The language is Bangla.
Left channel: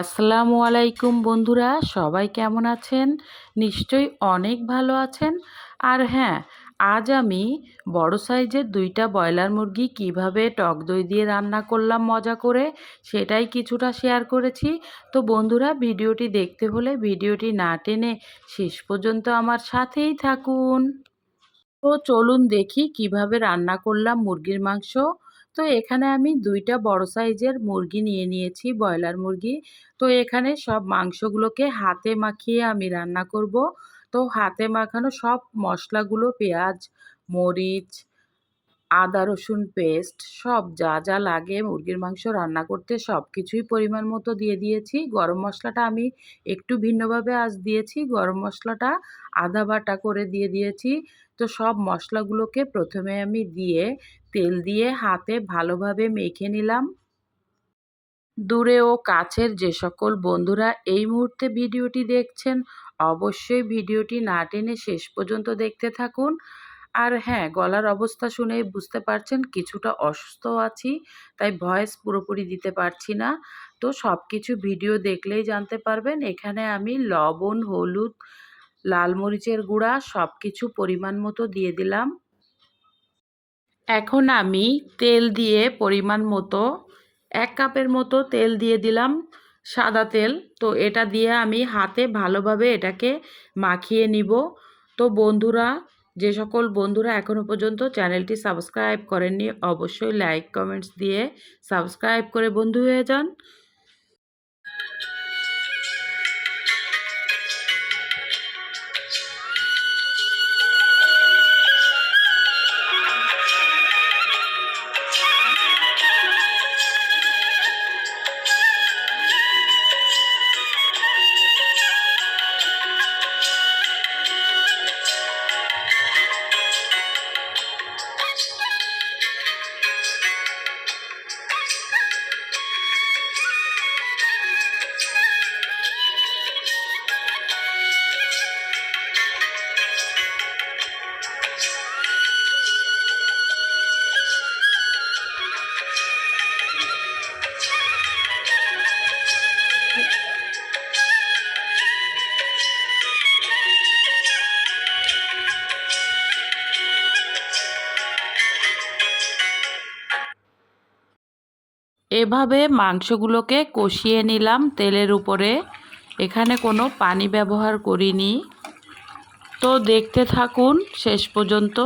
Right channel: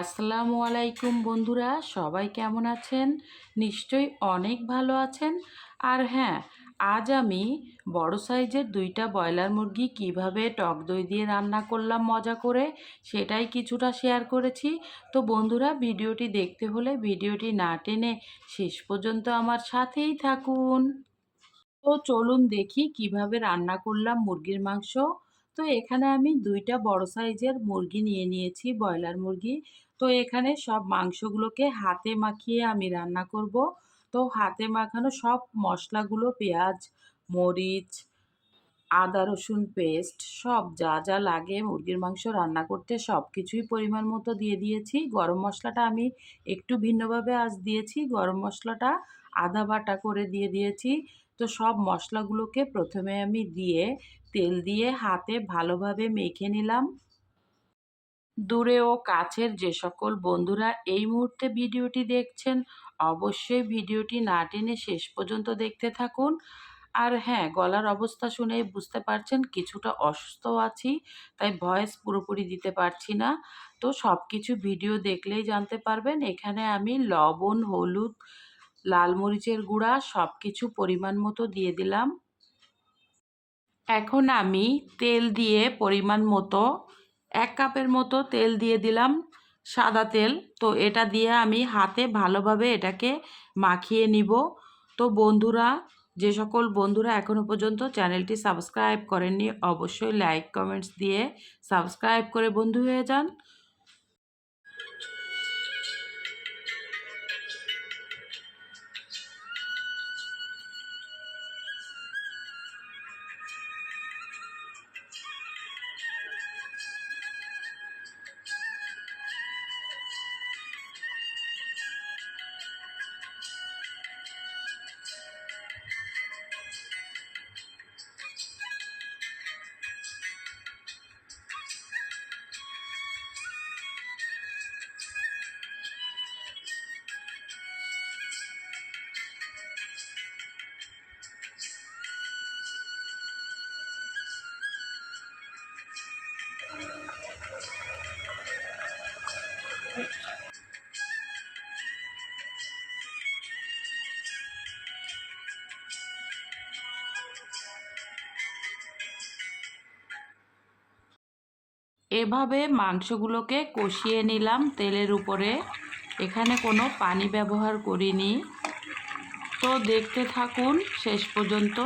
আসসালামু আলাইকুম বন্ধুরা, সবাই কেমন আছেন? নিশ্চয়ই অনেক ভালো আছেন। আর হ্যাঁ, আজ আমি বড় সাইজের 2টা ব্রয়লার মুরগি কিভাবে টক দই দিয়ে রান্না করলাম মজা করে, সেটাই কিছুটা শেয়ার করেছি। তো বন্ধুরা, ভিডিওটি দেখতে হলে ভিডিওটি না টেনে শেষ পর্যন্ত আমার সাথেই থাকুন। তো চলুন দেখি কিভাবে রান্না করলাম মুরগির মাংস। তো এখানে আমি 2টা বড় সাইজের মুরগি নিয়ে নিয়েছি, ব্রয়লার মুরগি। তো এখানে সব মাংসগুলোকে হাতে মাখিয়ে আমি রান্না করব। তো হাতে মাখানো সব মশলাগুলো, পেঁয়াজ, মরিচ, আদা রসুন পেস্ট, সব যা যা লাগে মুরগির মাংস রান্না করতে সব কিছুই পরিমাণ মতো দিয়ে দিয়েছি। গরম মশলাটা আমি একটু ভিন্নভাবে আজ দিয়েছি, গরম মশলাটা আধা বাটা করে দিয়ে দিয়েছি। তো সব মশলাগুলোকে প্রথমে আমি দিয়ে তেল দিয়ে হাতে ভালোভাবে মেখে নিলাম। দূরে ও কাছের যে সকল বন্ধুরা এই মুহূর্তে ভিডিওটি দেখছেন, অবশ্যই ভিডিওটি না টেনে শেষ পর্যন্ত দেখতে থাকুন। আর হ্যাঁ, গলার অবস্থা শুনেই বুঝতে পারছেন কিছুটা অসুস্থ আছি, তাই ভয়েস পুরোপুরি দিতে পারছি না। তো সব কিছু ভিডিও দেখলেই জানতে পারবেন। এখানে আমি লবণ, হলুদ, লাল মরিচের গুঁড়া সব কিছু পরিমাণ মতো দিয়ে দিলাম। এখন আমি তেল দিয়ে পরিমাণ মতো 1 কাপের মতো তেল দিয়ে দিলাম, সাদা তেল। তো এটা দিয়ে আমি হাতে ভালোভাবে এটাকে মাখিয়ে নিব। তো বন্ধুরা, যে সকল বন্ধুরা এখনও পর্যন্ত চ্যানেলটি সাবস্ক্রাইব করেননি, অবশ্যই লাইক কমেন্টস দিয়ে সাবস্ক্রাইব করে বন্ধু হয়ে যান। এভাবে মাংসগুলোকে কষিয়ে নিলাম তেলের উপরে, এখানে কোনো পানি ব্যবহার করিনি। তো দেখতে থাকুন শেষ পর্যন্ত।